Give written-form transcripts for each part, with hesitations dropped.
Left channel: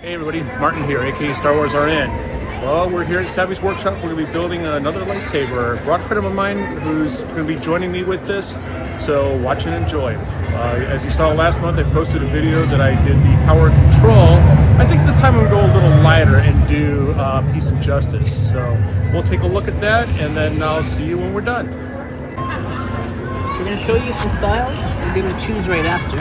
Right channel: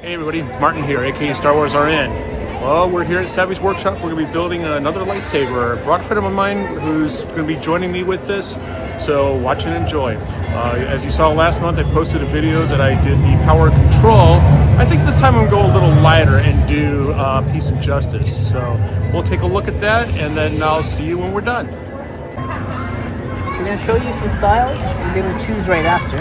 Hey everybody, Martin here, aka Star Wars RN. Well, we're here at Savi's workshop. We're going to be building another lightsaber. Brought a friend of mine who's going to be joining me with this, so watch and enjoy. As you saw last month, I posted a video that I did the power control. I think this time I'm going to go a little lighter and do Peace and Justice. So we'll take a look at that, and then I'll see you when we're done. We're going to show you some styles. You'll be able to choose right after.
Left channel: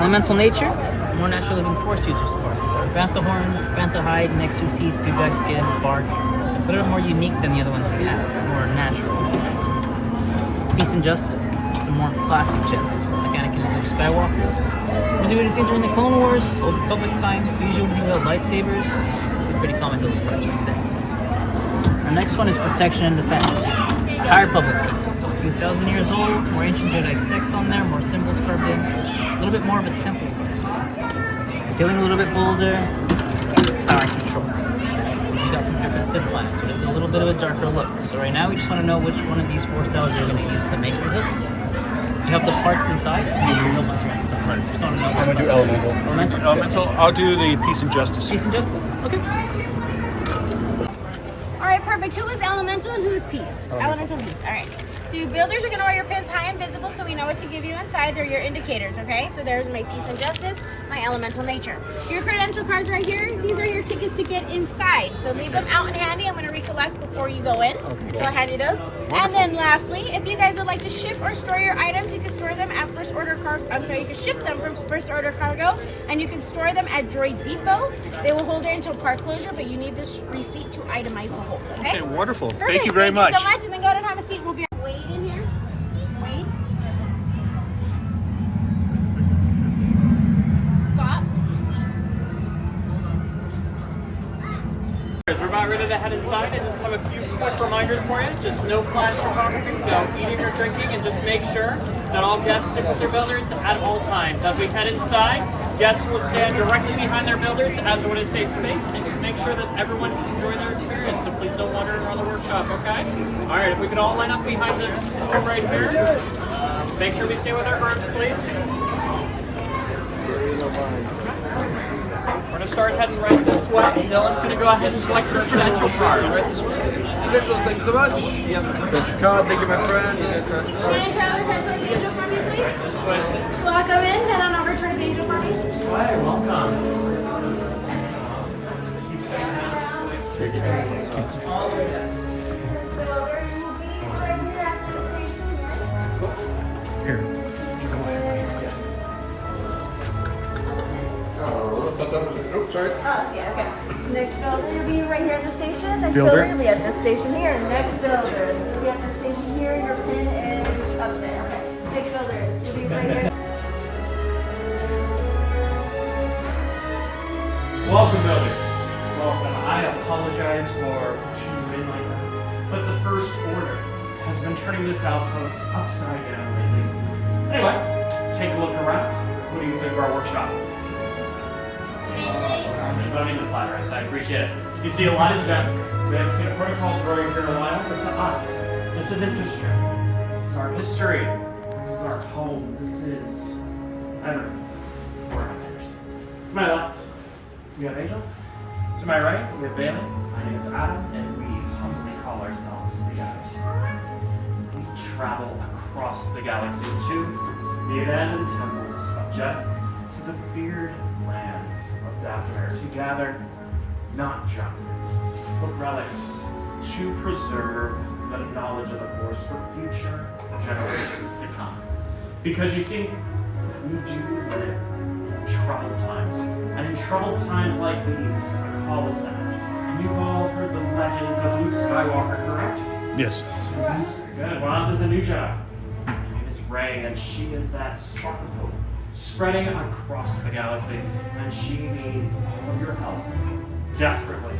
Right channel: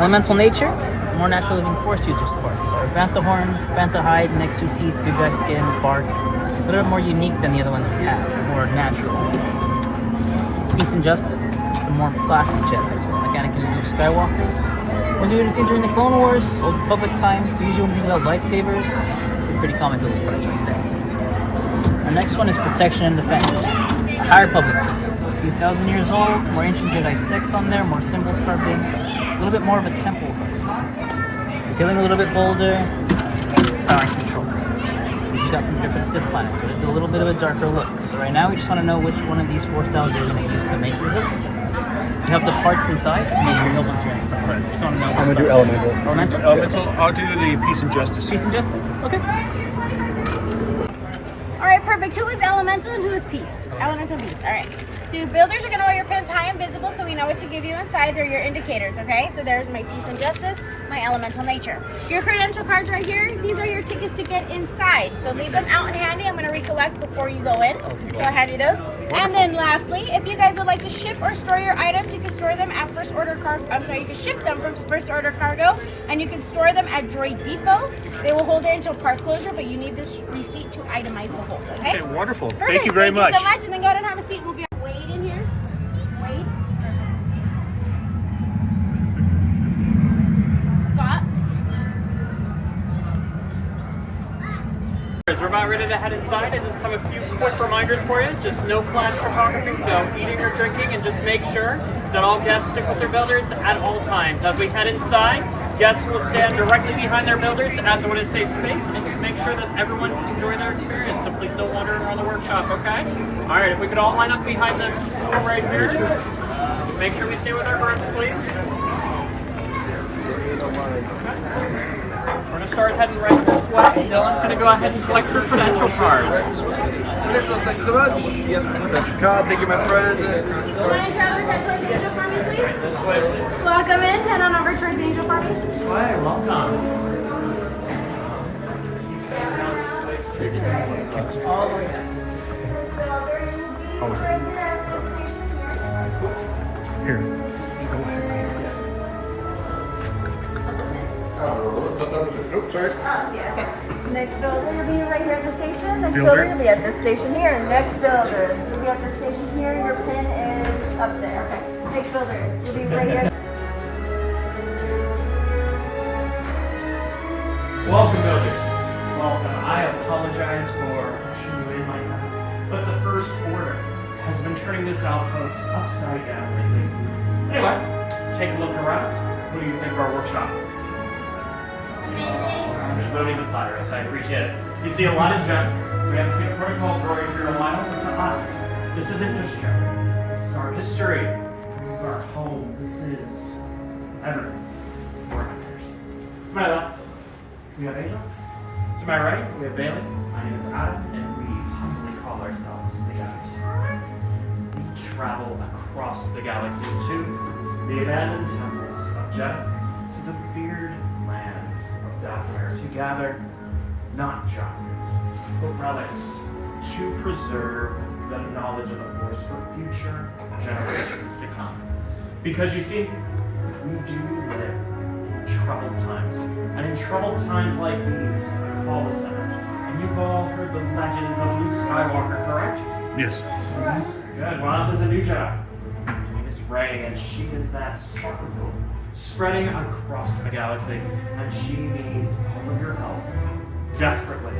Elemental nature, more natural than force user support. So bantha horn, bantha hide, nexu teeth, dewback skin, bark. A little bit more unique than the other ones we have, more natural. Peace and Justice, some more classic Jedi, so Anakin and Luke Skywalkers. Ones you would have seen during the Clone Wars, Old Republic times, usually when people have lightsabers. They're pretty common to those parts right there. Our next one is Protection and Defense. A higher Republic pieces, so a few thousand years old, more ancient Jedi texts on there, more symbols carved in. A little bit more of a temple for this one. Feeling a little bit bolder, power and control. Which you got from different Sith planets, so it's a little bit of a darker look. So right now we just want to know which one of these 4 styles you're going to use to make your hilts. You have the parts inside to make your hilt once you're inside. Right. Just want to know I'm going to do Elemental. Elemental? Elemental, I'll do the Peace and Justice. Peace and Justice, okay. Alright, perfect. Who is Elemental and who is Peace? Elemental Peace, alright. So you builders are going to wear your pins high and visible so we know what to give you inside. They're your indicators, okay? So there's my Peace and Justice, my Elemental Nature. Your credential cards right here, these are your tickets to get inside. So leave them out and handy. I'm going to recollect before you go in. So I'll hand you those. And then lastly, if you guys would like to ship or store your items, you can store them at first order cargo. I'm sorry, you can ship them from first order cargo and you can store them at Droid Depot. They will hold it until park closure, but you need this receipt to itemize the hold, okay? Okay, wonderful. Perfect. Thank you very much. Thank you so much. And then go ahead and have a seat. We'll be wait in here. Wait. Scott. We're about ready to head inside. I just have a few quick reminders for you. Just no flash photography, no eating or drinking, and just make sure that all guests stick with their builders at all times. As we head inside, guests will stand directly behind their builders as in a safe space and make sure that everyone can enjoy their experience. So please don't wander around the workshop, okay? All right, if we could all line up behind this wall right here. Make sure we stay with our groups, please. We're going to start heading right this way. Dylan's going to go ahead and collect your credential cards. Thank you so much. That's your card. Thank you, my friend. Ryan Travelers, head towards the angel for me, please. This way, please. Welcome in. Head on over towards the angel for me. This way, welcome. Here, go ahead. Oh, sorry. Oh, yeah, okay. Next builder will be right here at the station. Next Builder. builder will be at this station here. Next builder will be at the station here. Your pin is up there. Okay. Next builder will be right here. Welcome, builders. Welcome. I apologize for pushing you in like that, but the First Order has been turning this outpost upside down lately. Anyway, take a look around. What do you think of our workshop? I'm just loading the flatters. I appreciate it. You see a lot of junk. We haven't seen a protocol droid here in a while, but to us, this isn't just junk. This is our history. This is our home. This is everything. We're hunters. To my left, we have Angel. To my right, we have Bailey. My name is Adam, and we humbly call ourselves the Gutters. We travel across the galaxy to the abandoned temples of Jedha, to the feared lands of Dathomir, to gather not junk, but relics to preserve the knowledge of the Force for future generations to come. Because you see, we do live in troubled times. And in troubled times like these, a call is sounded. And you've all heard the legends of Luke Skywalker, correct? Yes. Good. Well, there's a new Jedi. Her name is Rey, and she is that sparkle spreading across the galaxy, and she needs all of your help desperately.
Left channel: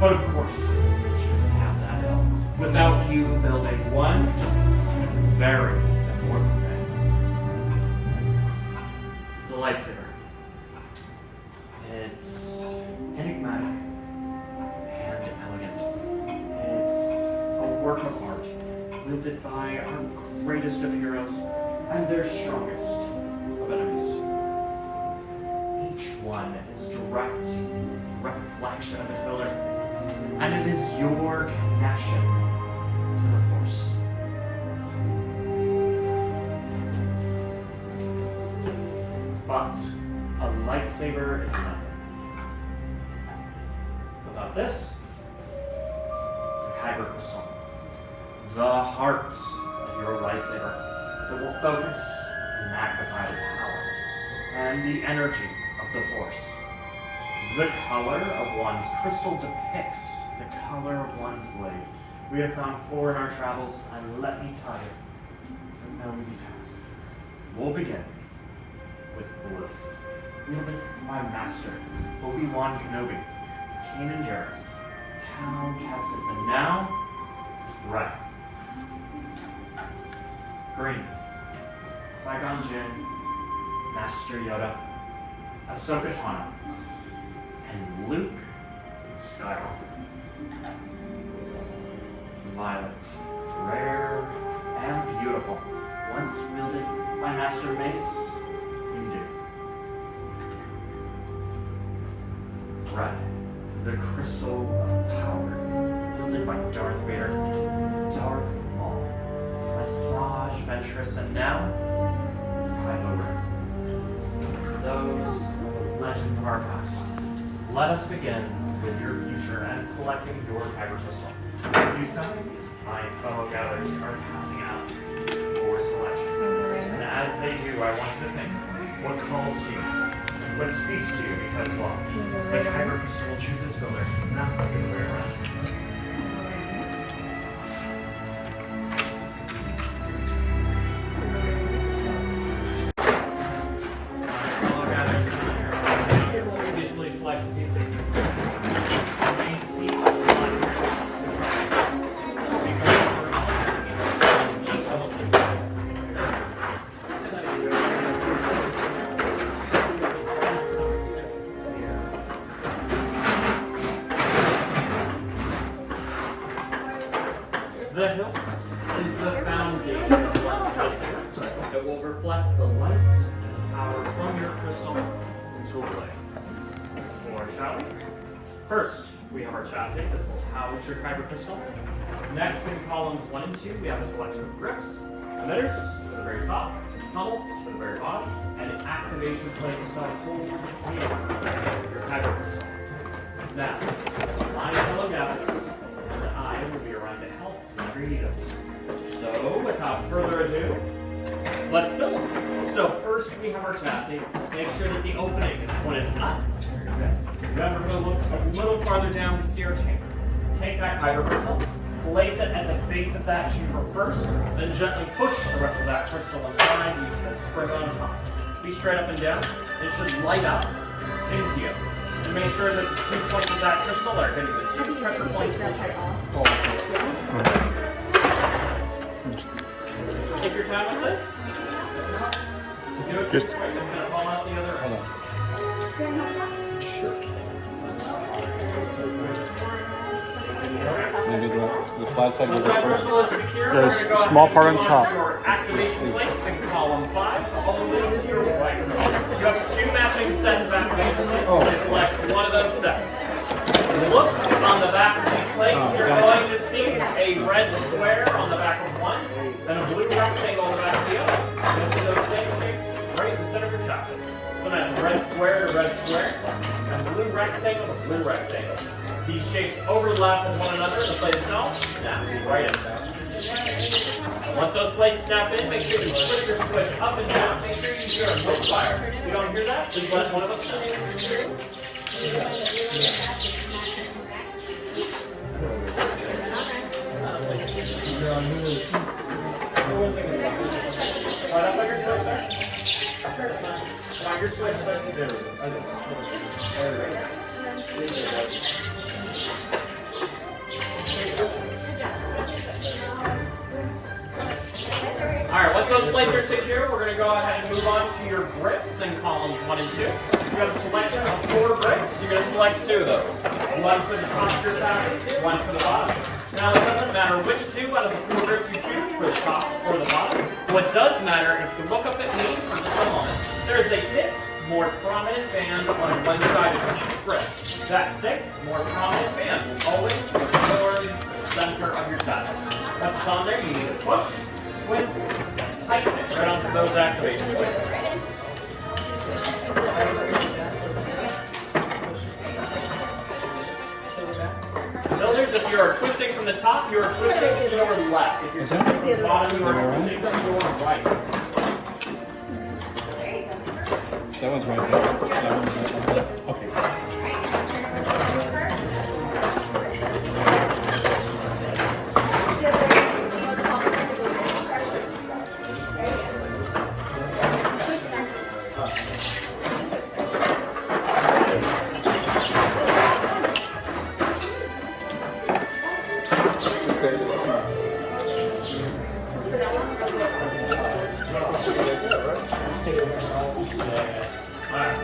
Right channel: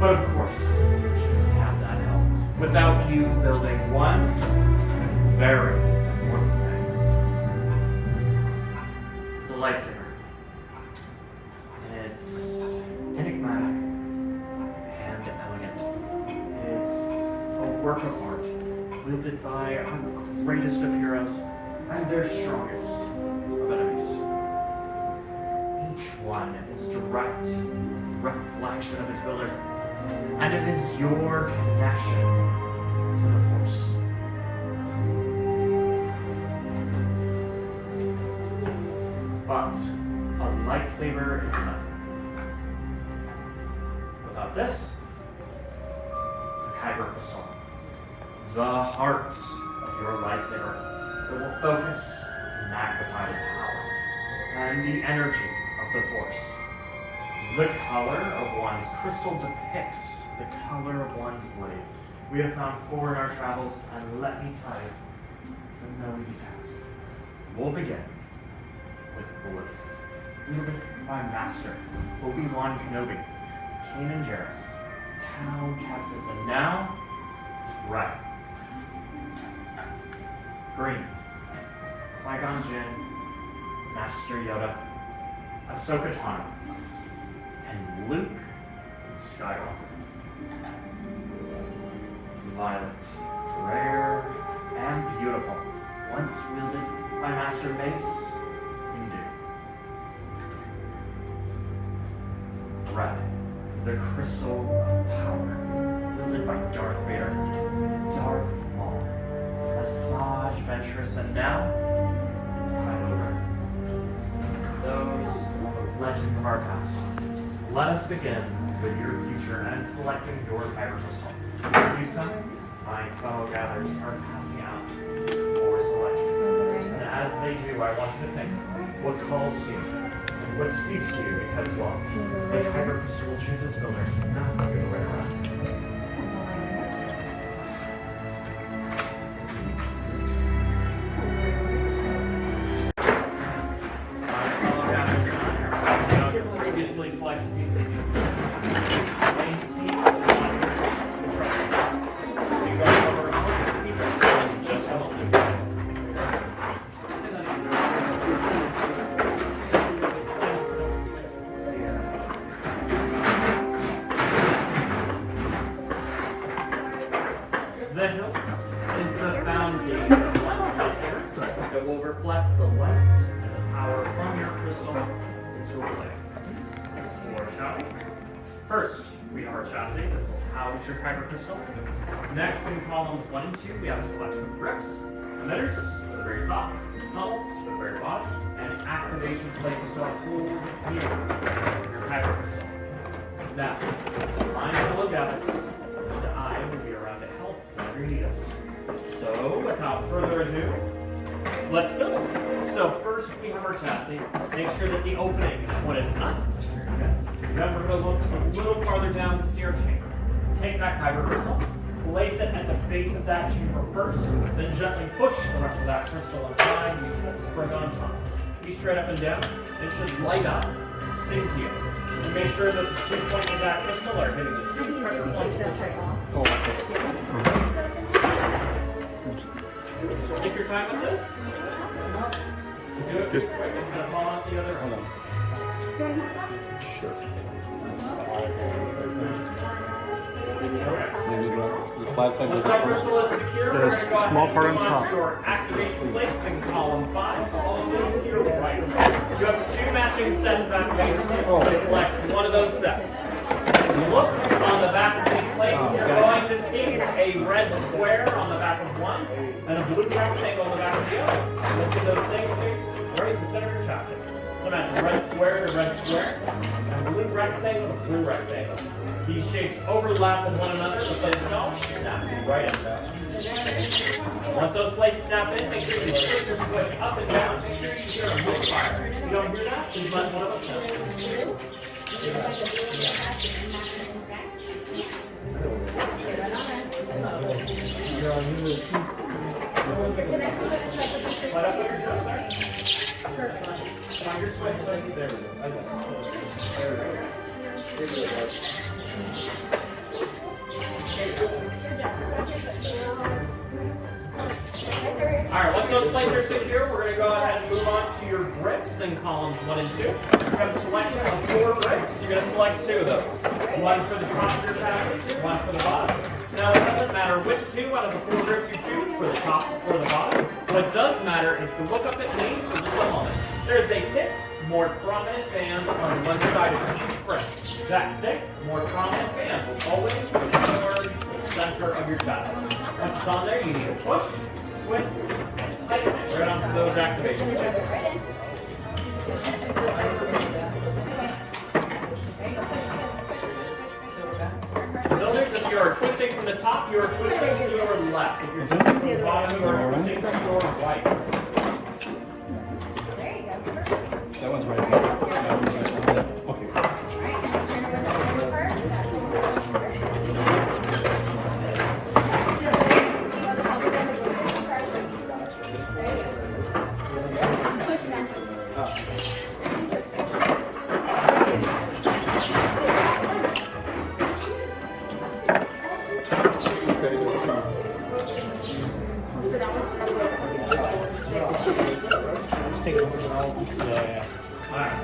But of course, she doesn't have that help without you building one very important thing: the lightsaber. It's enigmatic and elegant. It's a work of art wielded by our greatest of heroes and their strongest of enemies. Each one one is a direct reflection of its builder. And it is your connection to the Force. But a lightsaber is nothing. Without this, the Kyber crystal, the heart of your lightsaber, that will focus and magnify the power and the energy of the Force. The color of one's crystal depicts the color of one's blade. We have found 4 in our travels, and let me tell you, it's been no easy task. We'll begin with blue. We have been my master, Obi-Wan Kenobi, Kanan Jarrus, Cal Kestis, and now, red. Green. Qui-Gon Jinn, Master Yoda, Ahsoka Tano, and Luke Skywalker. Violet, rare and beautiful, once wielded by Master Mace Windu. Red, the crystal of power, wielded by Darth Vader, Darth Maul, Asajj Ventress, and now, Kylo Ren. Those are the legends of our past. Let us begin with your future and selecting your Kyber crystal. If you something, my fellow gatherers are passing out for selections. And as they do, I want you to think what calls to you, what speaks to you, because, well, the Kyber crystal will choose its builder, not the other way around. Previously selected pieces. When you see the line, the trust, you go over this piece and just a moment. The hilt is the foundation of one's lightsaber. It will reflect the light and the power from your crystal into a blade. Shall we? First, we have our chassis. This will house your Kyber crystal. Next, in columns 1 and 2, we have a selection of grips, emitters for the very top, tunnels for the very bottom, and activation plates to hold your Kyber crystal. Now, line full of gathers, and I will be around to help whenever you need us. So, without further ado, let's build. So first we have our chassis. Make sure that the opening is pointed up. Remember, we're going to look a little farther down to see our chamber. Take that Kyber crystal, place it at the base of that chamber first, then gently push the rest of that crystal inside using a spring on top. Be straight up and down. It should light up and sink to you. And make sure that the 2 points of that crystal are hitting the 2 pressure points of the chamber. Take your time with this. Do it just quick. It's going to fall out the other end. Sure. Once that crystal is secure, The small part on top. Your activation plates in column 5, all the way to your right. You have 2 matching sets of activation plates. Select one of those sets. Look on the back of these plates. You're going to see a red square on the back of one, and a blue rectangle on the back of the other. You'll see those same shapes right in the center of your chassis. So that's red square to red square, and blue rectangle to blue rectangle. These shapes overlap with one another. The plate itself snaps right in. Once those plates snap in, make sure you switch your switch up and down. Make sure you hear a misfire. If you don't hear that, please let one of us know. Slide up like your switch there. Find your switch. There we go. Alright, once those plates are secure, we're going to go ahead and move on to your grips in columns 1 and 2. You have a selection of 4 grips. You're going to select 2 of those. One for the top of your chassis, one for the bottom. Now, it doesn't matter which 2 out of the 4 grips you choose for the top or the bottom. What does matter is to look up at me for just a moment. There's a thick more prominent band on one side of each grip. That thick, more prominent band will always be towards the center of your chest. Once it's on there, you need to push, twist, and tighten it right onto those activation points. Builders, if you are twisting from the top, you are twisting to your left. If you're twisting from the bottom, you are twisting to your right. That one's right there. That one's right there. Okay.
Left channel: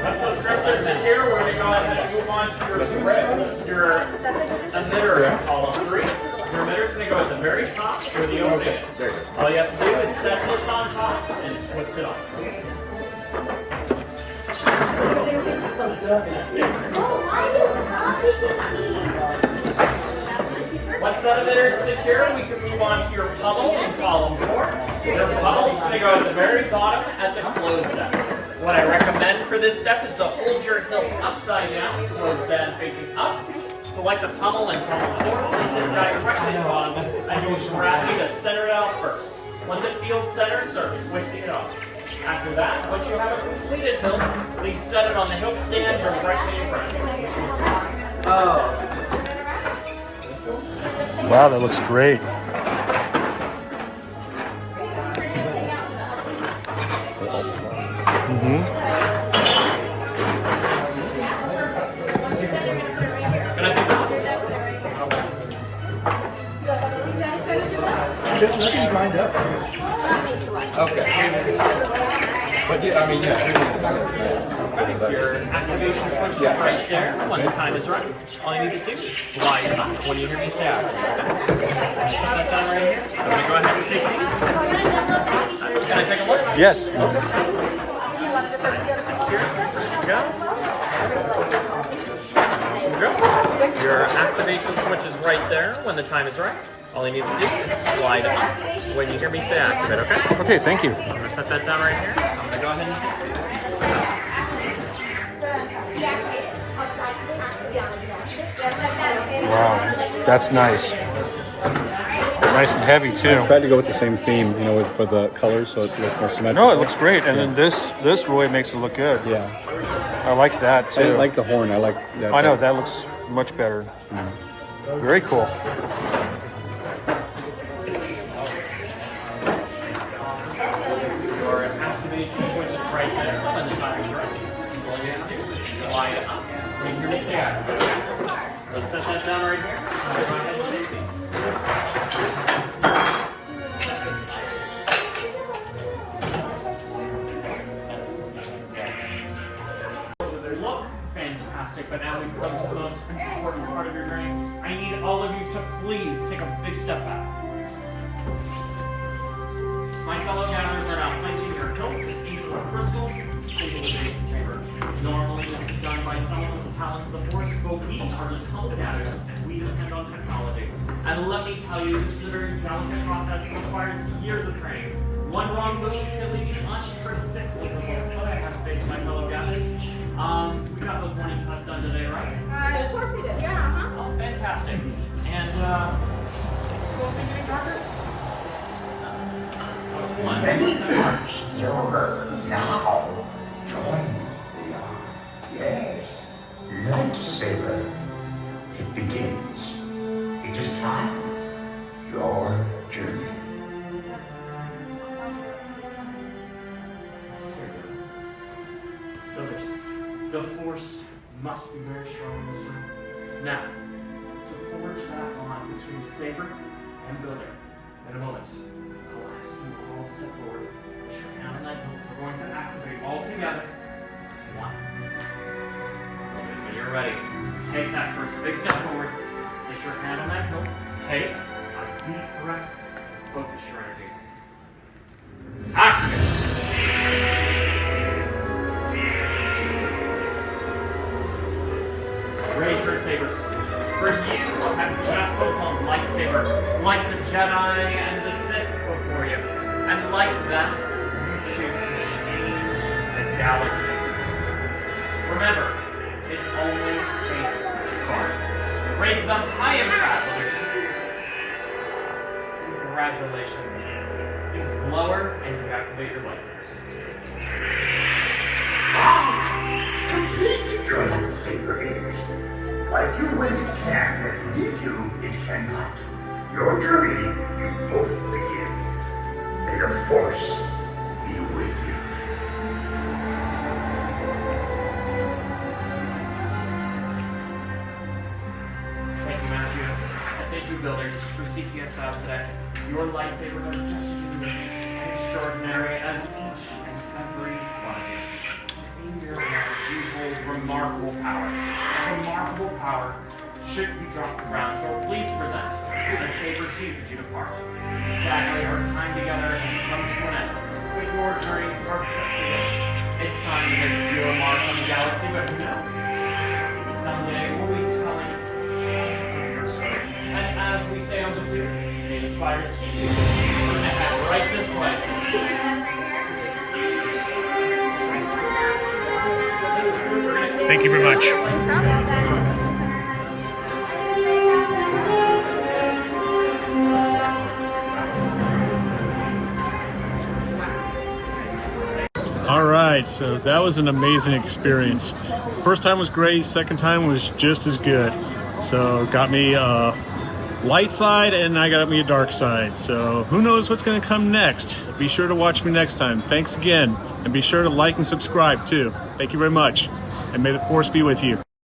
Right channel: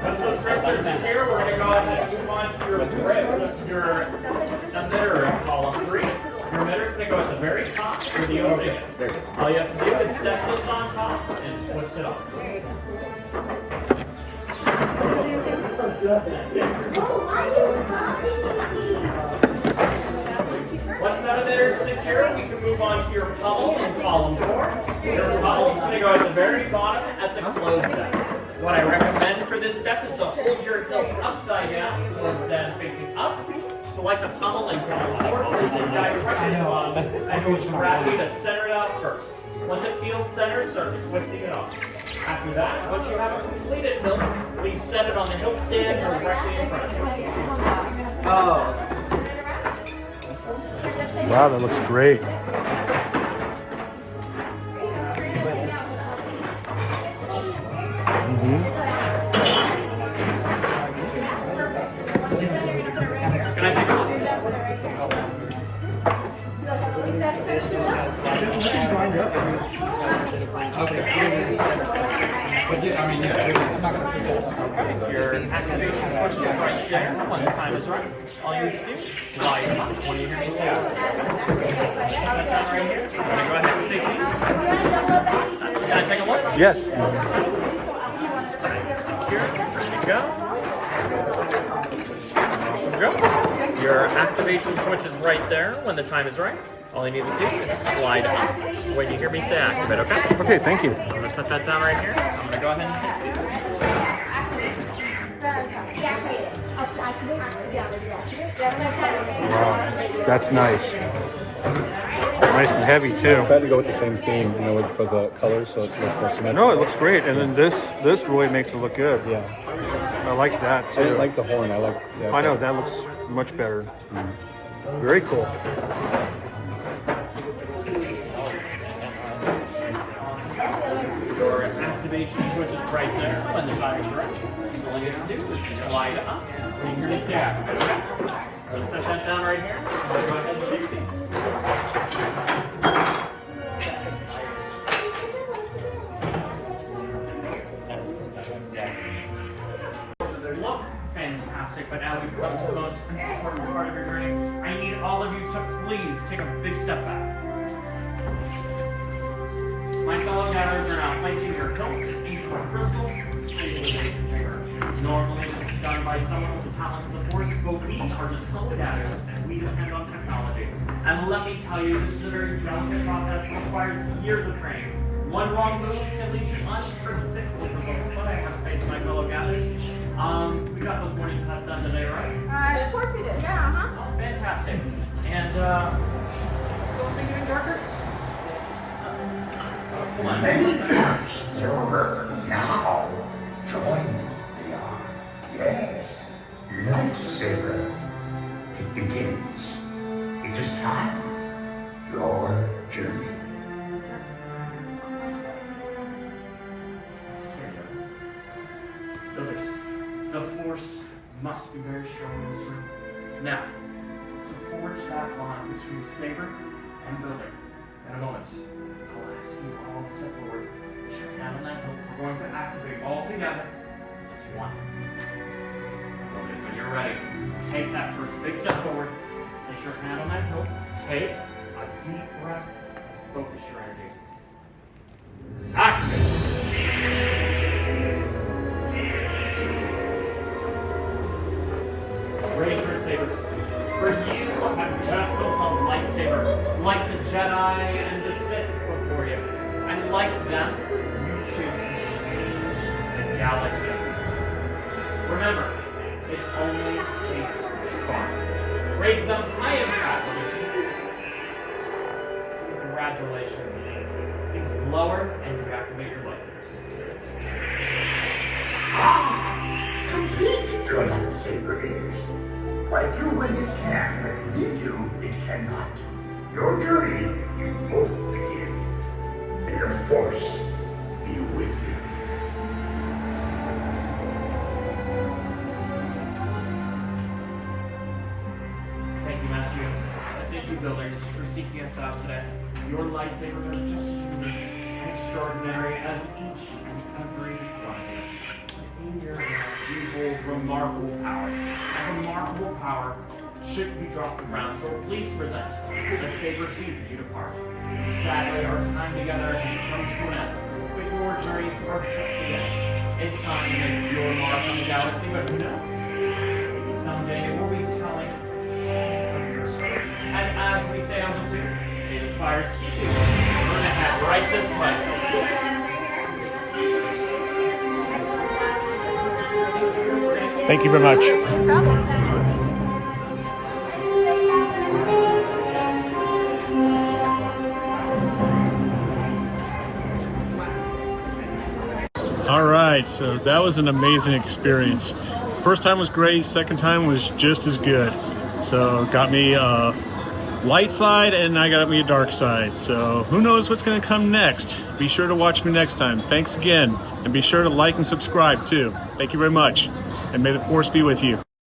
Once those grips are in here, we're going to go ahead and move on to your emitter column 3. Your emitter's going to go at the very top where the opening is. All you have to do is set this on top and twist it off. Once that emitter is secure, we can move on to your pummel in column 4. Your pummel is going to go at the very bottom at the close step. What I recommend for this step is to hold your hilt upside down, close down facing up. Select a pummel and pummel forward, place it directly at the bottom, and use gravity to center it out first. Once it feels centered, start twisting it off. After that, once you have a completed hilt, please set it on the hilt stand directly in front of you. Wow, that looks great. Can I take a look? Nothing's lined up. Okay. But yeah, I mean, yeah, it was. Your activation switch is right there when the time is right. All you need to do is slide it up when you hear me say it. Set that down right here. I'm going to go ahead and take these. Can I take a look? Yes. Secure, ready to go. Awesome, go. Your activation switch is right there when the time is right. All you need to do is slide up when you hear me say activate, okay? Okay, thank you. I'm going to set that down right here. I'm going to go ahead and take these. Wow, that's nice. Nice and heavy too. Tried to go with the same theme, you know, for the colors, so it looks more symmetrical. No, it looks great, and then this really makes it look good. Yeah. I like that I too. didn't like the horn. I like that. I know that looks much better. Very cool. Your activation switch is right there when the time is right. All you have to do is slide up when you hear me say activate. Let's set that down right here. I'm going to go ahead and take these. Look fantastic, but now we've come to the most important part of your journey. I need all of you to please take a big step back. My fellow gatherers are now placing your hilts into the crystal stabilization chamber. Normally, this is done by someone with the talents of the Force, but we are just humble gatherers, and we depend on technology. And let me tell you, this is a very delicate process that requires years of training. One wrong move can lead to unpredictable results, but I have faith in my fellow gatherers. We got those morning tests done today, right? Of course we did, yeah, Oh, fantastic. And, Many parts you're now join the yes, lightsaber. It begins. It is time. Your journey. Builders, the Force must be very strong in this room. Now, to forge that line between Saber and Builder. In a moment, I'll ask you all to step forward. Put your hand on that hilt. We're going to activate all together as one. Builders, when you're ready, take that first big step forward. Place your hand on that hilt. Take a deep breath. Focus your energy. Activate. lightsabers. For you have just built a lightsaber, like the Jedi and the Sith before you. And like them, you too can change the galaxy. Remember, it only takes spark. Raise them high in travelers. Congratulations. Please lower and deactivate your lightsabers. Complete your lightsaber is. Wipe you away it can, but leave you it cannot. Your journey you both begin. May the Force be with you. Thank you, Master Yoda. And thank you, builders, for seeking us out today. Your lightsabers are just unique and extraordinary as each and every one of you. In your hands, you hold remarkable power. And remarkable power shouldn't be dropped around, so please present a saber sheath as you depart. Sadly, our time together has come to an end, but your journeys are just beginning. It's time to make your mark on the galaxy, but who knows? Maybe someday we'll be telling of your stories. And as we say on the two, may the stars keep you. We're gonna head right this way. Thank you very much. All right, so that was an amazing experience. First time was great, second time was just as good. So got me a light side and I got me a dark side. So who knows what's gonna come next? Be sure to watch me next time. Thanks again. And be sure to like and subscribe too. Thank you very much. And may the Force be with you.